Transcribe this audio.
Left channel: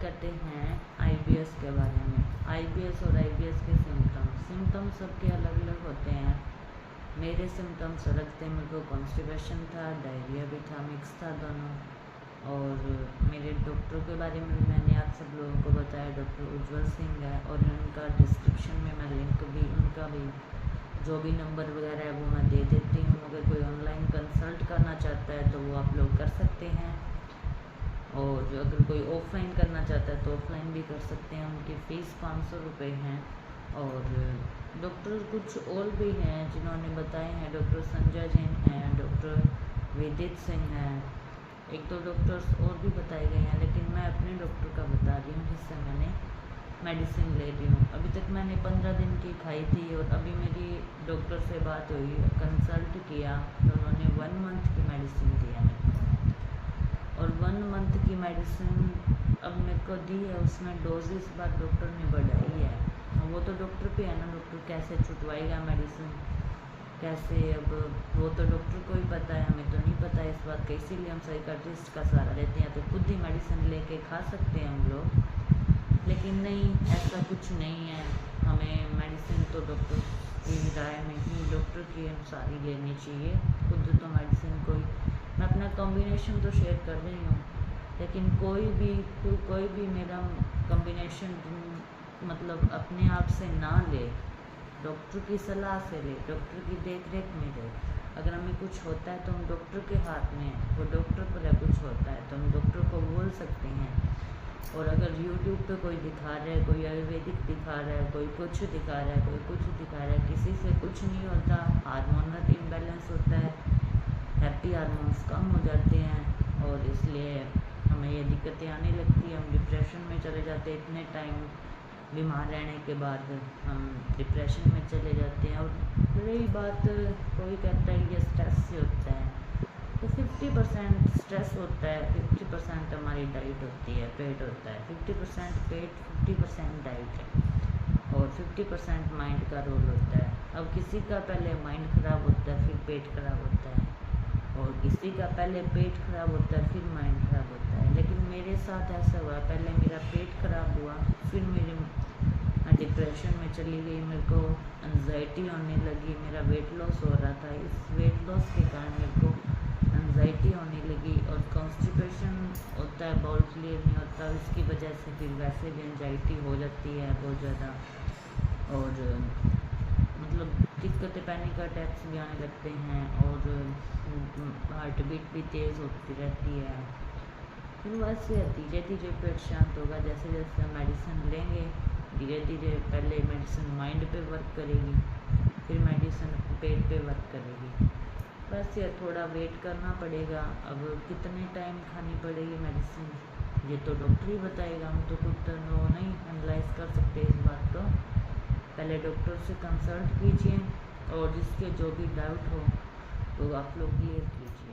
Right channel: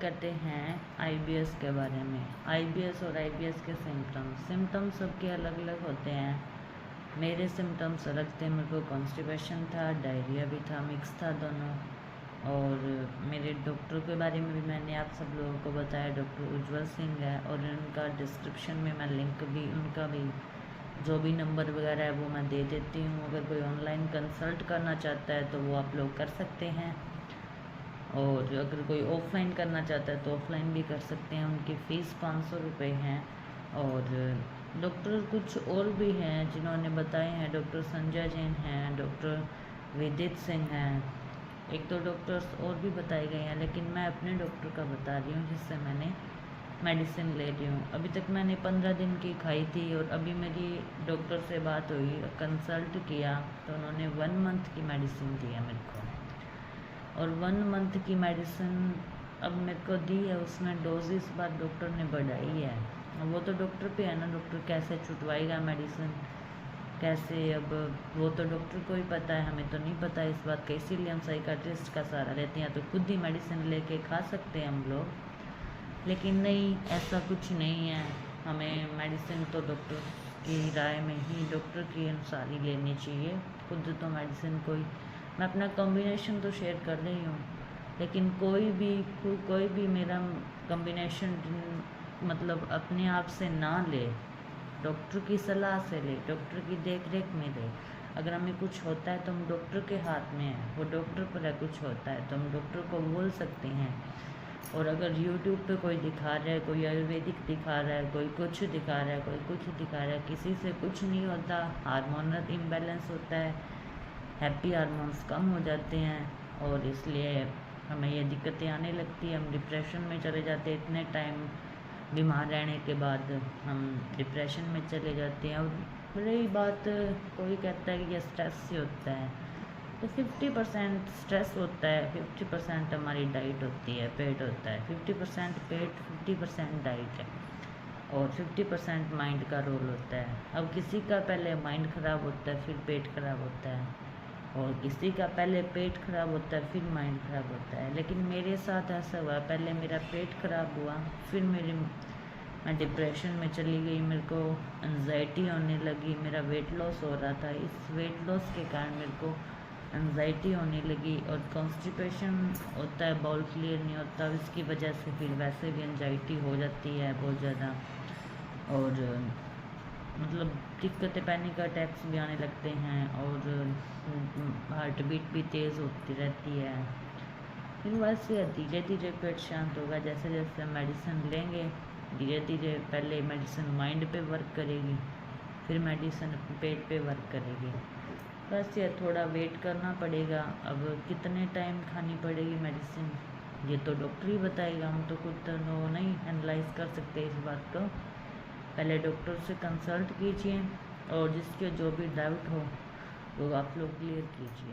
करते हैं आईबीएस के बारे में। आईबीएस और आईबीएस के सिम्टम्स सबके अलग अलग होते हैं। मेरे सिम्टम्स अलग थे, मेरे को कॉन्स्टिपेशन था, डायरिया भी था, मिक्स था दोनों। और मेरे डॉक्टर के बारे में भी मैंने आप सब लोगों को बताया, डॉक्टर उज्ज्वल सिंह है, और उनका डिस्क्रिप्शन में मैं लिंक भी, उनका भी जो भी नंबर वगैरह है वो मैं दे देती हूँ। अगर कोई ऑनलाइन कंसल्ट करना चाहता है तो वो आप लोग कर सकते हैं, और अगर कोई ऑफलाइन करना चाहता है तो ऑफलाइन भी कर सकते हैं। उनकी फ़ीस 500 रुपये हैं। और डॉक्टर कुछ और भी हैं जिन्होंने बताए हैं, डॉक्टर संजय जैन हैं, डॉक्टर विदित सिंह हैं, एक दो डॉक्टर्स और भी बताए गए हैं, लेकिन मैं अपने डॉक्टर का बता रही हूँ जिससे मैंने मेडिसिन ले रही हूँ। अभी तक मैंने 15 दिन की खाई थी, और अभी मेरी डॉक्टर से बात हुई, कंसल्ट किया तो उन्होंने 1 मंथ की मेडिसिन दी है मेरे को। और 1 मंथ की मेडिसिन अब मेरे को दी है, उसमें डोज इस बार डॉक्टर ने बढ़ाई है। वो तो डॉक्टर पे है ना, डॉक्टर कैसे छुटवाएगा मेडिसिन, कैसे, अब वो तो डॉक्टर को ही पता है, हमें तो नहीं पता इस बात का। इसीलिए हम साइकाट्रिस्ट का सहारा लेते हैं, तो खुद ही मेडिसिन लेके खा सकते हैं हम लोग। लेकिन नहीं, ऐसा कुछ नहीं है। हमें मेडिसिन तो डॉक्टर की राय में ही, डॉक्टर के अनुसार ही लेनी चाहिए। खुद तो मेडिसिन मैं अपना कॉम्बिनेशन तो शेयर कर रही हूँ, लेकिन कोई भी मेरा कॉम्बिनेशन मतलब अपने आप से ना ले, डॉक्टर की सलाह से ले, डॉक्टर की देख रेख में ले। अगर हमें कुछ होता है तो हम डॉक्टर के हाथ में है, वो डॉक्टर पर है, कुछ होता है तो हम डॉक्टर को बोल सकते हैं। और अगर यूट्यूब पे कोई दिखा रहा है, कोई आयुर्वेदिक दिखा रहा है, कोई कुछ दिखा रहा है, कोई कुछ दिखा रहा है, किसी से कुछ नहीं होता। हार्मोनल इम्बैलेंस होता है, हैप्पी हार्मोन्स कम हो जाते हैं, और इसलिए हमें ये दिक्कतें आने लगती हैं। हम डिप्रेशन में चले जाते हैं, इतने टाइम बीमार रहने के बाद हम डिप्रेशन में चले जाते हैं। और रही बात, कोई कहता है ये स्ट्रेस से होता है, तो 50% स्ट्रेस होता है, 50% हमारी डाइट होती है, पेट होता है। 50% पेट, 50% डाइट है, और 50% माइंड का रोल होता है। अब किसी का पहले माइंड ख़राब होता है, फिर पेट ख़राब होता है, और किसी का पहले पेट ख़राब होता है, फिर माइंड ख़राब होता है। लेकिन मेरे साथ ऐसा हुआ, पहले मेरा पेट ख़राब हुआ, फिर मैं डिप्रेशन में चली गई, मेरे को एंजाइटी होने लगी, मेरा वेट लॉस हो रहा था। इस वेट लॉस के कारण मेरे को एंजाइटी होने लगी, और कॉन्स्टिपेशन होता है, बाउल क्लियर नहीं होता, इसकी वजह से फिर वैसे भी एंजाइटी हो जाती है बहुत ज़्यादा। और मतलब दिक्कतें, पैनिक अटैक्स भी आने लगते हैं, और हार्ट बीट भी तेज़ होती रहती है। फिर वैसे धीरे धीरे पेट शांत होगा, जैसे जैसे हम मेडिसिन लेंगे, धीरे धीरे पहले मेडिसिन माइंड पे वर्क करेगी, फिर मेडिसिन पेट पे वर्क करेगी। बस ये थोड़ा वेट करना पड़ेगा। अब कितने टाइम खानी पड़ेगी मेडिसिन, ये तो डॉक्टर ही बताएगा, हम तो खुद तो नहीं एनालाइज कर सकते इस बात को। पहले डॉक्टर से कंसल्ट कीजिए, और जिसके जो भी डाउट हो वो आप लोग क्लियर कीजिए।